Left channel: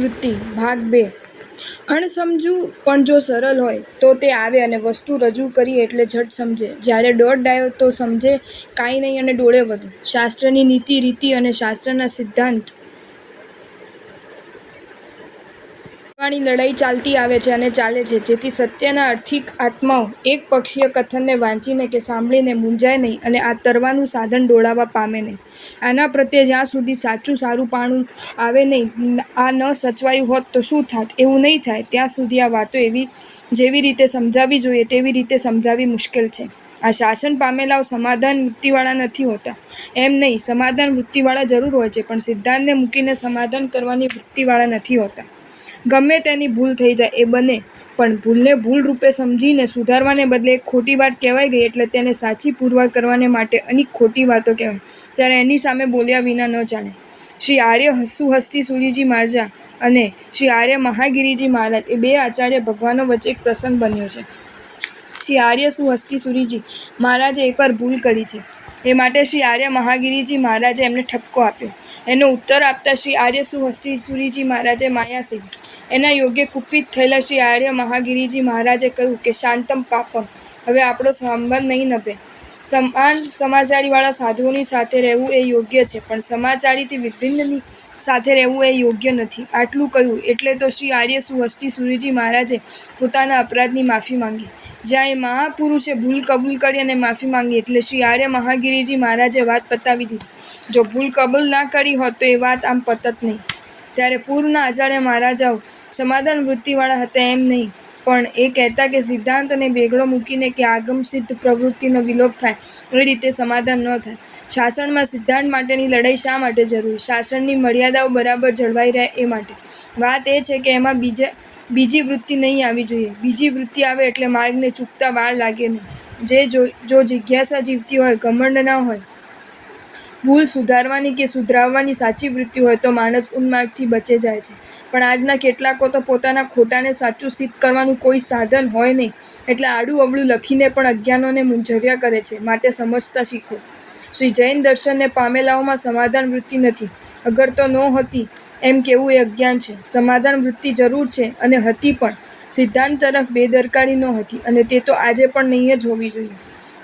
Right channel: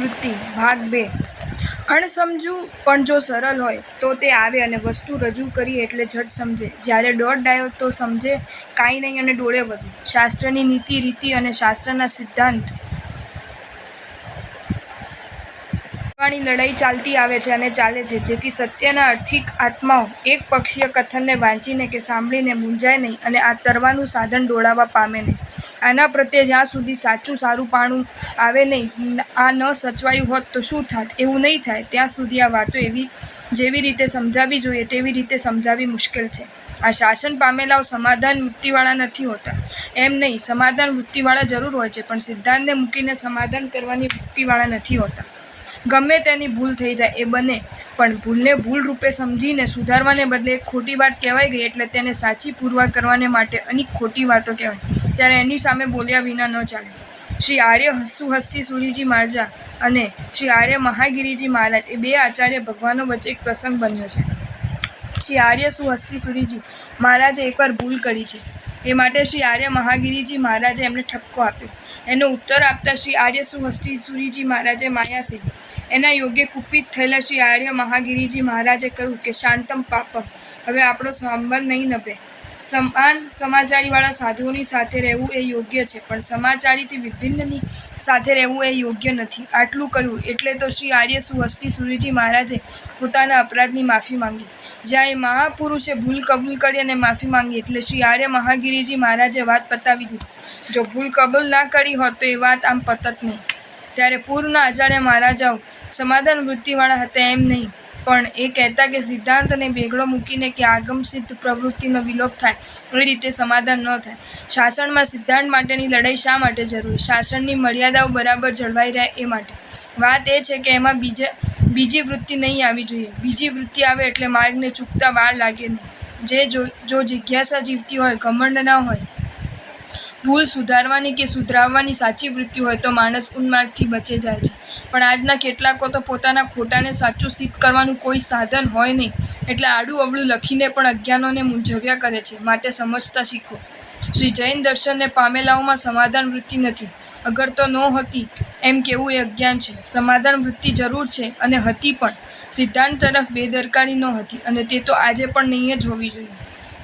વૃત્તિ ભાગ 2 અણસમજુ પણ જો સરળ હોય તો તે આવે અને વસ્તુ રજૂ કરી એટલે ઝટ સમજે. જ્યારે દોઢ ડાયો તો સમજે કાંઈ નહીં અને ડોળે વધુ. શાસ્ત્રની નીતિ રીતિ અને શાસ્ત્રના સિદ્ધાંત વાળી લડાઈ ચાલતી આવે છે અને ચાલે છે, જેથી સત્યના આર્થિક આત્માઓ એક પક્ષીય કથનને વાંચીને કે સાંભળીને મૂંઝાય નહીં અને આ તરવાનું સાધન દોડાવવા પામે નહીં. આના પ્રત્યે જ્યાં સુધી સાચું સારું પાણું આવે નહીં, આ ન સચવાયું હોત તો શું થાત, એવું નહીં થાય ત્યાં સુધી આ વાતો જેવી રીતે સમજાવવી જોઈએ તેવી રીતે સમજાવવી મુશ્કેલ છે. આ શાસન પામેલાઓ સમાધાન વૃત્તિવાળા નથી હોતા. એમ નહીં, સમાધાન વૃત્તિવાળા જરૂર હોય છે, પણ સિદ્ધાંતને મૂકીને સમાધાન કરવાની વૃત્તિવાળા નથી હોતા. ગમે તેની ભૂલ થઈ જાય એ બને, પણ ભૂલને ભૂલ રૂપે સમજીને સુધારવાને બદલે એક ખોટી વાત કહેવાઈ ગઈ એટલે તેને સાચી પુરવાર કરવાને માટે અનેક ખોટી વાતો કહેવાય, ત્યારે એની સામે બોલ્યા વિના ન ચાલે. શ્રી આર્ય સુહસ્તી સુરીજી મહારાજ અને શ્રી આર્ય મહાગીરીજી મહારાજ એ બે આચાર્ય ભગવાનો વચ્ચે એક પ્રસંગ બન્યો છે. શ્રી આર્ય સુહસ્તી સુરીજી મહારાજે એકવાર ભૂલ કરી છે. એ માટે શ્રી આર્ય મહાગીરીજી મહારાજે એમને ઠપકો આપ્યો. એનો ઉત્તર આપતા શ્રી આર્ય સુહસ્તી સુરીજી મહારાજે માયાસી એના યોગ્ય કુપિત થયેલા શ્રી આર્ય મહાગીરીજી મહારાજે કહ્યું કે શાંતમ પાપમ, હવે આપણો સંબંધ નહીં નભે. સમાન સમાચારીવાળા સાધુઓની સાથે રહેવું એ યોગ્ય છે, પણ સમાચારીથી વિભિન્નની સાથે રહેવું એ યોગ્ય નથી. આટલું કહ્યું એટલે તો શ્રી આર્ય સુહસ્તી સુરીજી મહારાજે પોતાના અપરાધની માફી માંગી. જ્યાં એ મહાપુરુષે ભૂલ કબૂલ કરી અને માફી માંગી એટલે શ્રી આર્ય મહાગીરીજી મહારાજે વાત પતાવી દીધી. જો ભૂલ કબૂલ ના કરી હોત તો એ વાત આમ પતત નહીં. ત્યારે પૂર્વના આચાર્ય મહારાજાઓ સમાધાન વૃત્તિવાળા હતા એમ નહીં, પણ એ કહેતા કે સિદ્ધાંતને વેગળો મૂકીને કે આગમસિદ્ધ પ્રવૃત્તિનો વિલોપ થાય એ રીતે સમાધાન ન થાય. શાસનમાં સિદ્ધાંત માટેની લડાઈ શા માટે જરૂરી? શાસનની મર્યાદાઓ બરાબર જળવાઈ રહે એ માટે. વાત એ છે કે એમાં બીજી વૃત્તિ નહીં આવી જોઈએ. બીજી વૃત્તિ આવે એટલે માર્ગને ચૂકતા વાર લાગે નહીં. જો જિજ્ઞાસા જીવતી હોય, ઘમંડ ના હોય, ભૂલ સુધારવાની કે સુધરાવવાની સાચી વૃત્તિ હોય તો માણસ ઉન્માર્ગથી બચે જાય છે. પણ આજના કેટલાકો તો પોતાના ખોટાને સાચું સિદ્ધ કરવાનું કોઈ સાધન હોય નહીં એટલે આડું અવળું લખીને પણ અજ્ઞાનોને મૂંઝવ્યા કરે છે. માટે સમજતા શીખો. શ્રી જૈન દર્શનને પામેલાઓમાં સમાધાન વૃત્તિ નથી, અગર તો નહોતી એમ કહેવું એ અજ્ઞાન છે. સમાધાન વૃત્તિ જરૂર છે અને હતી, પણ સિદ્ધાંત તરફ બેદરકારી નહોતી અને તે તો આજે પણ નહીં જ હોવી જોઈએ.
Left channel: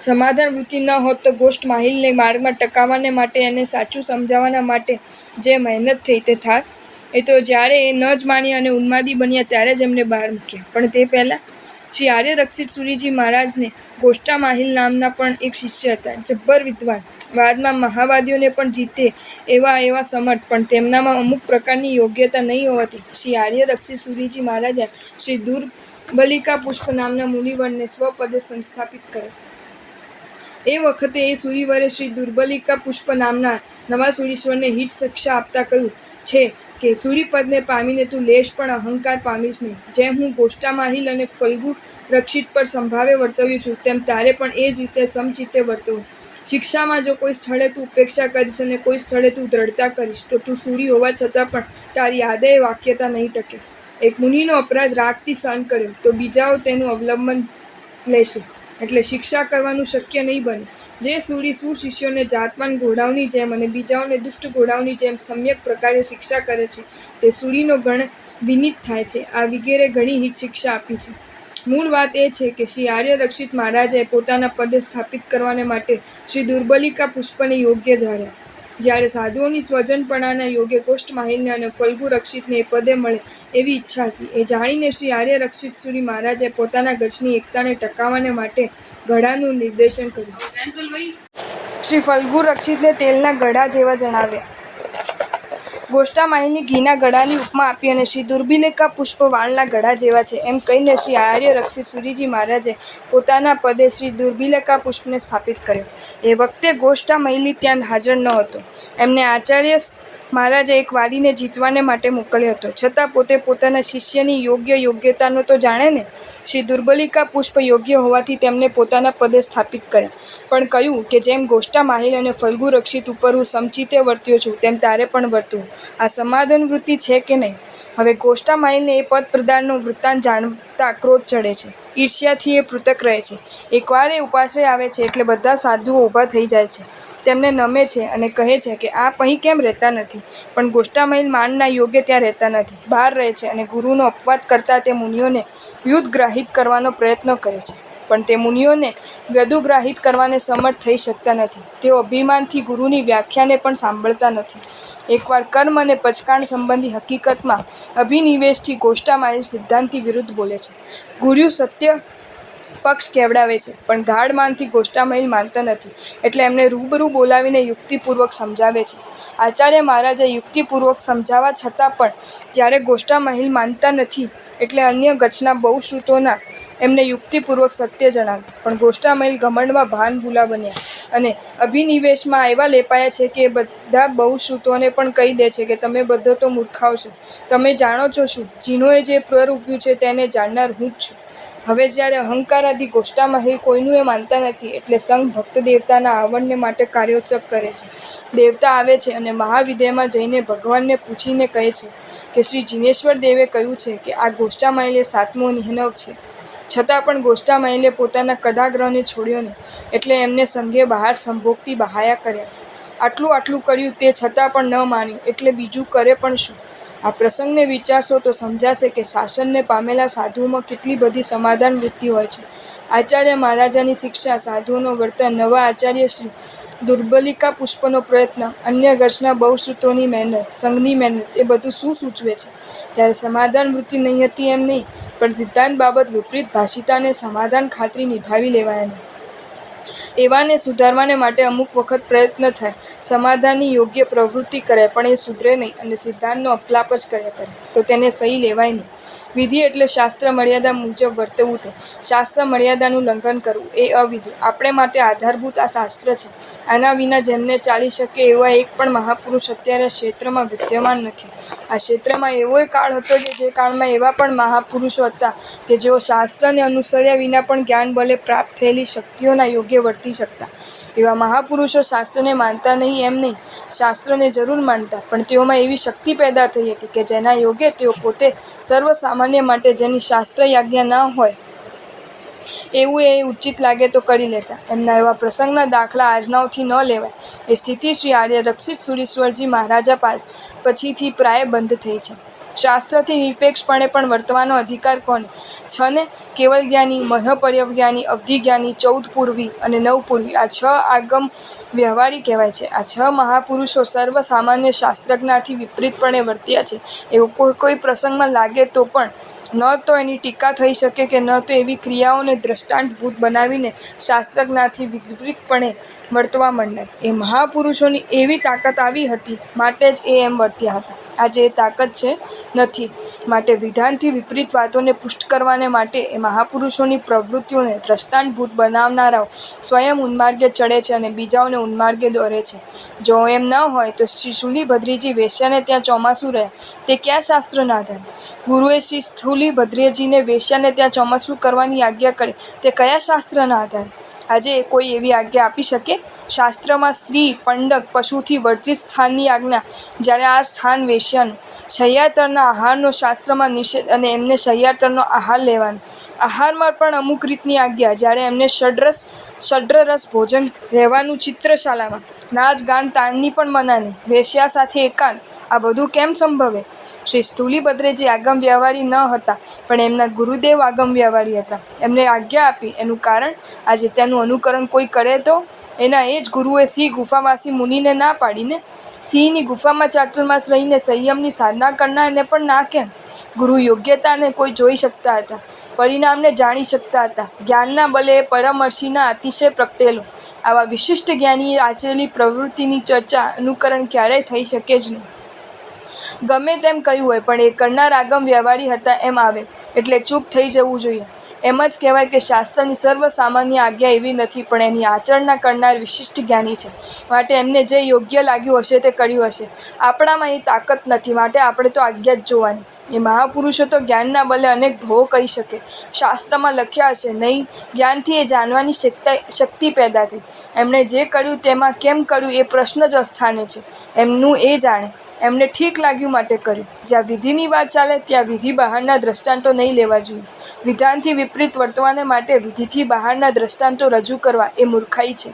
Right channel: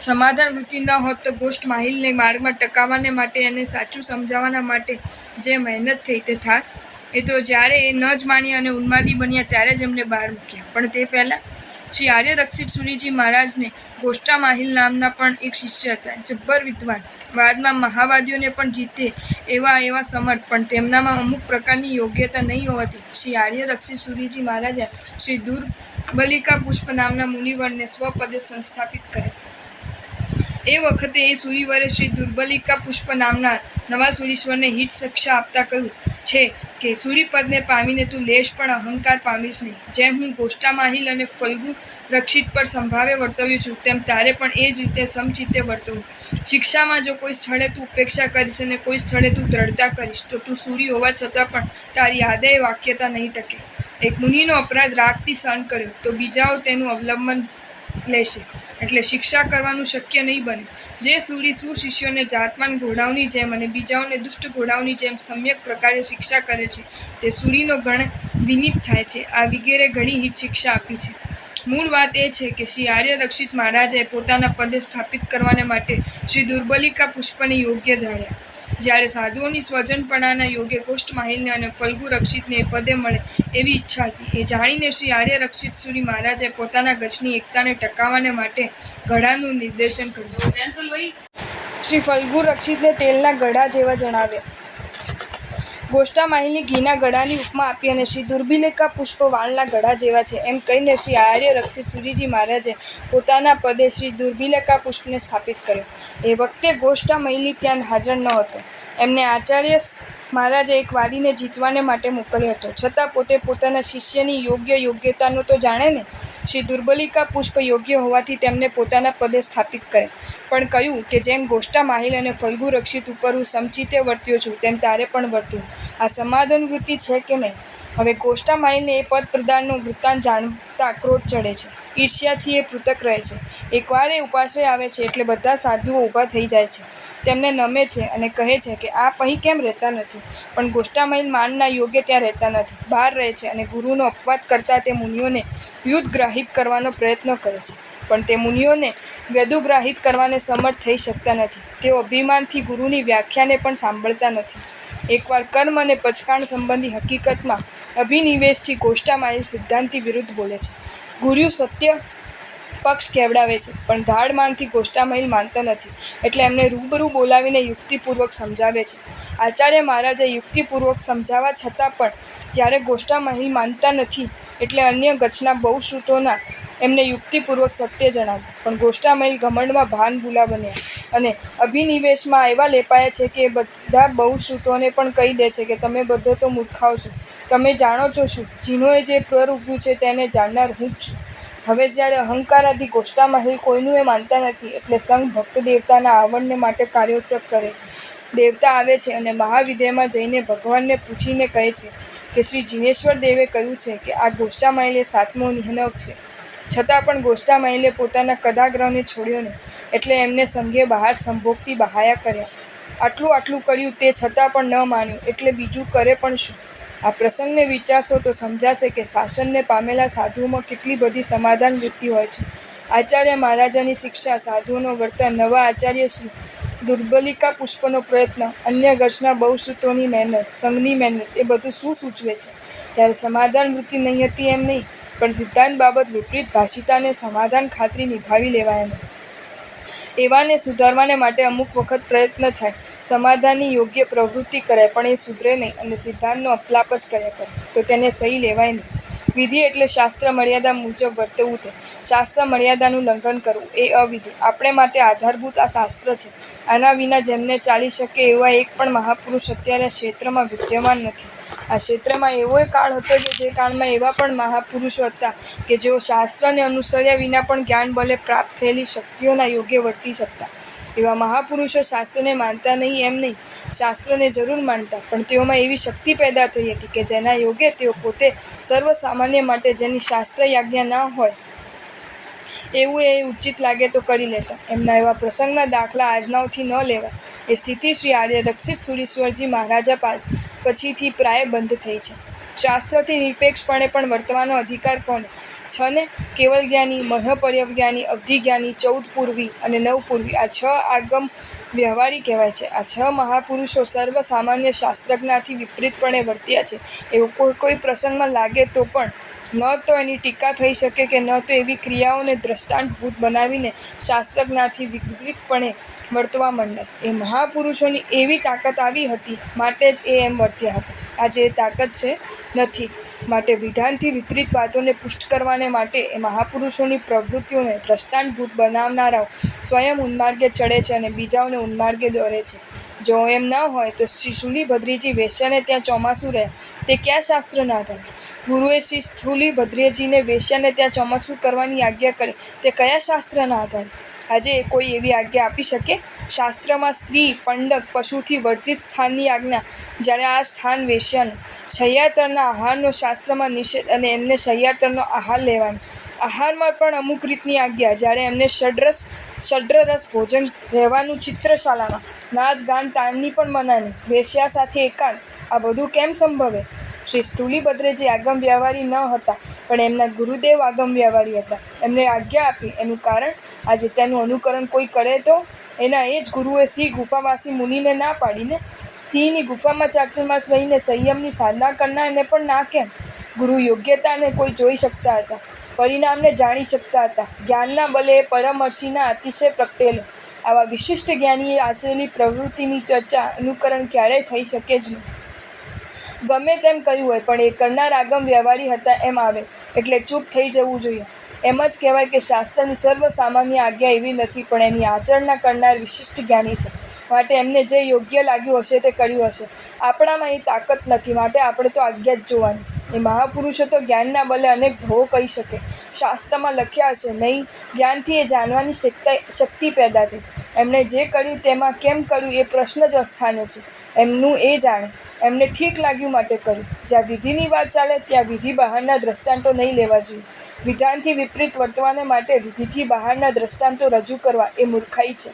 સમાધાન વૃત્તિ ન હોત તો ગોષ્ઠ માહિલને માર્ગમાં ટકાવવાને માટે એને સાચું સમજાવવાના માટે જે મહેનત થઈ તે થાત. એ તો જ્યારે એ ન જ માન્યા અને ઉન્માદી બન્યા ત્યારે જ એમને બહાર મૂક્યા. પણ તે પહેલાં શ્રી આર્ય રક્ષિત સુરીજી મહારાજને ગોષ્ઠા માહિલ નામના પણ એક શિષ્ય હતા, જબ્બર વિદ્વાન, વાદમાં મહાવાદીઓને પણ જીતે એવા સમર્થ, પણ તેમનામાં અમુક પ્રકારની યોગ્યતા નહીં હોવાથી શ્રી આર્ય રક્ષિત સુરીજી મહારાજે શ્રી દુર્બલિકા પુષ્પ નામના મુનિવરને સ્વપદે સંસ્થાપિત કરે. એ વખતે એ સુરીવરે શ્રી દુર્બલિકા પુષ્પ નામના નવા સુરીશ્વરને હિત શિક્ષા આપતા કહ્યું છે કે સુરીપદને પામીને તું લેશ પણ અહંકાર પામીશ નહીં. જેમ હું ગોષ્ઠા માહિલ અને ફલ્ગુ રક્ષિત પર સંભાવે વર્તવ્યું છું, તેમ તારે પણ એ જ રીતે સમચિત્તે વર્તવું. શિક્ષામાં જો કોઈ સ્થળે તું ઉપેક્ષા કરીશ અને કોઈ સ્થળે તું દ્રઢતા કરીશ તો તું સૂરી હોવા છતાં પણ તારી આદય વાક્યતા નહીં ટકે. એક મુનિનો અપરાધ રાગથી સહન કર્યો તો બીજાઓ તેનું અવલંબન લેશે, એટલે શિક્ષા કરવાનું શક્ય નહીં બને. જે સૂરી સુશિષ્યોને જાતવાન ઘોડાઓની જેમ અને બીજાઓને દુષ્ટ ઘોડાઓની જેમ સમ્યક પ્રકારે શિક્ષા કરે છે તે સૂરીનો ગણ વિનીત થાય છે. આ વિગેરે ઘણી હિત શિક્ષા આપી છે. મૂળ વાત એ છે કે શ્રી આર્ય રક્ષિત મહારાજે પોતાના પદે સ્થાપિત કરવાને માટે શ્રી દુર્બલિકા પુષ્પને યોગ્ય ધાર્યા. જ્યારે સાધુઓની સ્વજનપણાના યોગ્ય ગોષ્ઠ માહિલને અને ફલ્ગુ રક્ષિતને એ પદે મળે એવી ઈચ્છા હતી. એ જાણીને શ્રી આર્ય રક્ષિત સુરી મહારાજે પોતાના ગઢની એકતાને ટકાવવાને માટે ગળાનું નિર્દેશન કર્યું. શ્રી ફલ્ગુ રક્ષિતને તેલના ગળા જેવા જણાવ્યા. ગોષ્ઠા માહિલની ઘીના ગળાની ઉપમા આપી અને શ્રી દુર્બલિકા પુષ્પ વાળના ગળા જેવા છે એમ કહીને શ્રી આર્ય રક્ષિત સુરીજી મહારાજે પોતાના પદે શ્રી દુર્બલિકા પુષ્પને સ્થાપિત કર્યો. એ વખતે ગોષ્ઠા માહિલી ત્યાં હાજર ન હતો. એમને આચાર્ય મહારાજે એક વાદીને જીતવાને માટે મોકલ્યો હતો, છતાં પોતે પોતાના શિષ્યની યોગ્યતાનો તો જાણે ને. શ્રી દુર્બલિકા પુષ્પ યોગ્ય હોવાથી તેમને પોતાના પદે સ્થાપિત કરે, પણ કહ્યું કે જેમ ગોષ્ઠા માહિલ અને ફલ્ગુ રક્ષિત ઉપર હું સમચિત્તે વર્ત્યો છું તેમ તારે પણ વર્તવું. આ સમાધાન વૃત્તિ છે કે નહીં? હવે ગોષ્ઠા માહિલને એ પદ પ્રદાનનો વૃત્તાંત દેખતા ક્રોધ ચડે છે, ઈર્ષ્યાથી એ પૃથક રહે છે. એકવાર એ ઉપાશ્રય આવે છે એટલે બધા સાધુઓ ઊભા થઈ જાય છે, તેમને નમે છે અને કહે છે કે આપ અહીં કેમ રહેતા નથી? પણ ગોષ્ઠામહિલ માનના યોગ્ય ત્યાં રહેતા નથી, બહાર રહે છે અને ગુરુનો અપવાદ કરતા તે મુનિઓને વ્યુદગ્રાહિત કરવાનો પ્રયત્ન કરે છે. પણ તે મુનિઓને વ્યદુગ્રાહિત કરવાને સમર્થ થઈ શકતા નથી. તેઓ અભિમાનથી ગુરુની વ્યાખ્યાને પણ સાંભળતા નથી. એકવાર કર્મ અને પચકાણ સંબંધી હકીકતમાં અભિનિવેશથી ગોષ્ઠામહિલ સિદ્ધાંતિ વિરુદ્ધ બોલે છે. ગુરુ સત્ય પક્ષ કેવડાવે છે, પણ ધાડમાનથી ગોષ્ઠામહિલ માનતા નથી, એટલે એમને રૂબરૂ બોલાવીને યુક્તિપૂર્વક સમજાવે છે. આચાર્ય મહારાજે યુક્તિપૂર્વક સમજાવવા છતાં પણ જ્યારે ગોષ્ઠામહિલ માનતા નથી, એટલે અન્ય ગચના બહુશ્રુતોના એમને યુક્તિપૂર્વક સત્ય જણાવ્યું. પણ ગોષ્ઠામહિલ ઘમંડમાં ભાન ભૂલા બન્યા અને અભિનિવેશમાં એવા લેપાયા છે કે એ બધા બહુશ્રુતોને પણ કહી દે છે કે તમે બધો તો મૂર્ખાઓ છો, તમે જાણો છો શું? જીનોએ જે પર ઉગ્યું છે તેને જાણનાર હું જ છું. હવે જ્યારે અહંકારાથી ગોષ્ઠામહિલ કોઈનું એ માનતા નથી, એટલે સંઘ ભક્ત દેવતાના આવરણને માટે કાર્યોત્સવ કરે છે. દેવતા આવે છે અને મહાવિદ્યમાં જઈને ભગવાનને પૂછીને કહે છે કે શ્રી જીનેશ્વર દેવે કહ્યું છે કે આ ગોષ્ઠામહિલ એ સાતમો નિહનવ છે. છતાં પણ ગોષ્ઠામહિલે પોતાના કદાગ્રહને છોડ્યો નહીં, એટલે એમને સંઘે બહાર સંભોગથી બહાયા કર્યા. આટલું કર્યું તે છતાં પણ ન માન્યું, એટલે બીજું કરે પણ શું? આ પ્રસંગને વિચારશો તો સમજાશે કે શાસનને પામેલા સાધુઓમાં કેટલી બધી સમાધાન વૃત્તિ હોય છે. આચાર્ય મહારાજાની શિક્ષા, સાધુઓનો વર્તન, નવા આચાર્ય શ્રી દુર્બલિકા પુષ્પનો પ્રયત્ન, અન્ય ગચના બહુશ્રુતોની મહેનત, સંઘની મહેનત એ બધું શું સૂચવે છે? ત્યારે સમાધાન વૃત્તિ નહીં હતી એમ નહીં, પણ સિદ્ધાંત બાબત વિપરીત ભાષિતાને સમાધાન ખાતરી નિભાવી લેવાય નહીં. એવાને સુધારવાને માટે અમુક વખત પ્રયત્ન થાય, સમાધાનની યોગ્ય પ્રવૃત્તિ કરાય, પણ એ સુધરે નહીં અને સિદ્ધાંતનો અપલાપ જ કર્યા કરે, તો તેને સહી લેવાય નહીં. વિધિ એટલે શાસ્ત્ર મર્યાદા મુજબ વર્તવું, તે શાસ્ત્ર મર્યાદાનું લંઘન કરવું એ અવિધિ. આપણે માટે આધારભૂત આ શાસ્ત્ર છે. આના વિના જેમને ચાલી શકે એવા એક પણ મહાપુરુષ અત્યારે ક્ષેત્રમાં વિદ્યમાન નથી. આ ક્ષેત્રમાં એવોય કાળ હતો કે જે કાળમાં એવા પણ મહાપુરુષો હતા કે જેઓ શાસ્ત્રને અનુસર્યા વિના પણ જ્ઞાન બલે પ્રાપ્ત થયેલી શક્તિઓના યોગ્ય વર્તી શકતા. એવા મહાપુરુષો શાસ્ત્રને માનતા નહીં એમ નહીં, શાસ્ત્રને જરૂર માનતા, પણ તેઓમાં એવી શક્તિ પેદા થઈ હતી કે જેના યોગે તેઓ પોતે સર્વસામાન્ય માટે જેની શાસ્ત્ર આજ્ઞા ના હોય એવું એ ઉચિત લાગે તો કરી લેતા. એમના એવા પ્રસંગના દાખલા આજનાઓથી ન લેવાય. એ સ્થિતિ શ્રી આર્ય રક્ષિત સુરીશ્વરજી મહારાજા પછીથી પ્રાય બંધ થઈ છે. શાસ્ત્રથી નિરપેક્ષપણે પણ વર્તવાનો અધિકાર કોને? છને કેવલ જ્ઞાની, મનઃપર્યવજ્ઞાની, અવધિજ્ઞાની, 14 પૂર્વી અને 9 પૂર્વી આ 6 આગમ વ્યવહારી કહેવાય છે. આ 6 મહાપુરુષો સર્વ સામાન્ય શાસ્ત્રજ્ઞાથી વિપરીતપણે વર્ત્યા છે. એવું કોઈ પ્રસંગમાં લાગે તો પણ ન તો એની ટીકા થઈ શકે કે ન તો એવી ક્રિયાઓને દ્રષ્ટાંતભૂત બનાવીને શાસ્ત્રજ્ઞાથી વિપરીતપણે વર્તવા માંડાય. એ મહાપુરુષોની એવી તાકાત આવી હતી માટે જ એ એમ વર્ત્યા હતા. આજે એ તાકાત છે નથી, માટે વિધાનથી વિપરીત વાતોને પુષ્ટ કરવાને માટે એ મહાપુરુષોની પ્રવૃત્તિઓને દ્રષ્ટાંતભૂત બનાવનારાઓ સ્વયં ઉન્માર્ગે ચડે છે અને બીજાઓને ઉન્માર્ગે દોરે છે. જો એમ ન હોય તો શ્રી શૂલિભદ્રીજી વેશ્યાને ત્યાં ચોમાસું રહ્યા તે કયા શાસ્ત્રના આધારે? ગુરુએ શ્રી શૂલિભદ્રીજીને વેશ્યાને ત્યાં ચોમાસું કરવાની આજ્ઞા કરી તે કયા શાસ્ત્રના આધારે? આજે કોઈ એવી આજ્ઞા આપી શકે? શાસ્ત્રમાં સ્ત્રી, પંડક, પશુથી વર્જિત સ્થાનની આજ્ઞા, જ્યારે આ સ્થાન વેશ્યાનું. શય્યાતરના આહારનો શાસ્ત્રમાં નિષેધ અને એમને શય્યાતરનો આહાર લેવાનો. આહારમાં પણ અમુક રીતની આજ્ઞા, જ્યારે એમને ષડ્રસ ભોજન રહેવાનું ચિત્રશાલામાં. નાચ ગાન તાનની પણ મનાની. વેશ્યા સાથે એકાંત, આ બધું કેમ સંભવે? શ્રી સ્થૂલિભદ્રજી આગમ વ્યવહારી ન હતા, પણ એમના ગુરુદેવ આગમ વ્યવહારી હતા. એમને આજ્ઞા આપી એનું કારણ આજે તેનું અનુકરણ કોઈ કરે તો? એના એ જ ગુરુએ સિંહ ગુફાવાસી મુનિને ના પાડીને. સિંહની ગુફામાં ચાતુર્માસ રહીને સંયમની સાધના કરનારને પણ ના કેમ? ગુરુ યોગ્યતાને કોઈ જોઈ શકતા હતા, પરિણામને જાણી શકતા હતા. જ્ઞાનના બલે પરમર્ષિના અતિશય પ્રગટેલો. આવા વિશિષ્ટ જ્ઞાનીએ આચરેલી પ્રવૃત્તિની ચર્ચા, અનુકરણ ક્યારેય થઈ શકે જ નહીં. ગમે તેમ કહ્યું હોય, પણ એ કરનાર આગમ વ્યવહારી હતા એમ આવે એટલે ચૂપ થઈ જવું જોઈએ. એમ જ કહેવાય કે શાસ્ત્રની સર્વસામાન્ય આજ્ઞા એવી નથી, પણ એની આચરણા કરનાર વિશિષ્ટ જ્ઞાની છે. માટે એમને જે યોગ્ય લાગ્યું હશે તે કર્યું હશે. આપણામાં એ તાકાત નથી, માટે આપણે તો આજ્ઞા જ જોવાની. એ મહાપુરુષો તો જ્ઞાનના બલે અનેક ભવો કહી શકે. શાસ્ત્રમાં લખ્યા હશે નહીં, જ્ઞાનથી એ જાણવાની શક્તિ પેદા થઈ. એમણે જે કર્યું તેમાં કેમ કર્યું એ પ્રશ્ન જ અસ્થાને છે. એમનું એ જાણે. એમને ઠીક લાગ્યું માટે કર્યું. જ્યાં વિધિની વાત ચાલે ત્યાં વિધિ બહારના દ્રષ્ટાંતો નહીં લેવા જોઈએ. વિધાનથી વિપરીત વર્તવાને માટે વિધિથી બહારના દ્રષ્ટાંતો રજૂ કરવા એ મૂર્ખાઈ છે.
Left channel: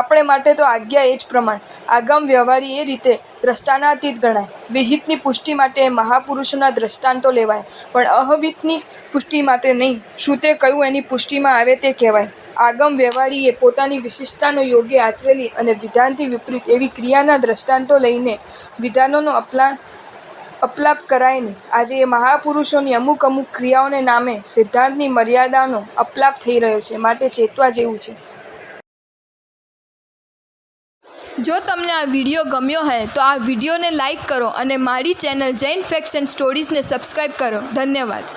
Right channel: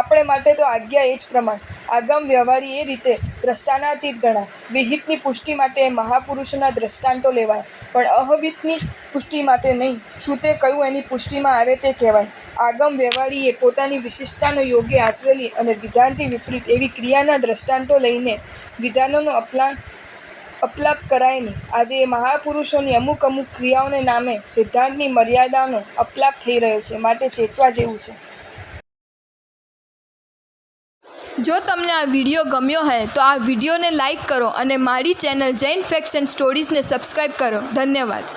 આપણે માટે તો આજ્ઞા એ જ પ્રમાણ. આગમ વ્યવહારી એ રીતે દ્રષ્ટાનાતીત ગણાય. વિહિતની પુષ્ટિ માટે એ મહાપુરુષોના દ્રષ્ટાંતો લેવાય, પણ અહવિતની પુષ્ટિ માટે નહીં. શું તે કહ્યું એની પુષ્ટિમાં આવે તે કહેવાય. આગમ વ્યવહારીએ પોતાની વિશિષ્ટતાનો યોગ્ય આચરેલી અને વિધાનથી વિપરીત એવી ક્રિયાના દ્રષ્ટાંતો લઈને વિધાનોનો અપલાપ કરાય નહીં. આજે એ મહાપુરુષોની અમુક ક્રિયાઓને નામે સિદ્ધાંતની મર્યાદાનો અપલાપ થઈ રહ્યો છે, માટે ચેતવા જેવું છે. જો તમને આ વિડીયો ગમ્યો હોય તો આ વિડીયોને લાઈક કરો અને મારી ચેનલ જૈન ફેક્ટ્સ એન્ડ સ્ટોરીઝને સબસ્ક્રાઈબ કરો. ધન્યવાદ.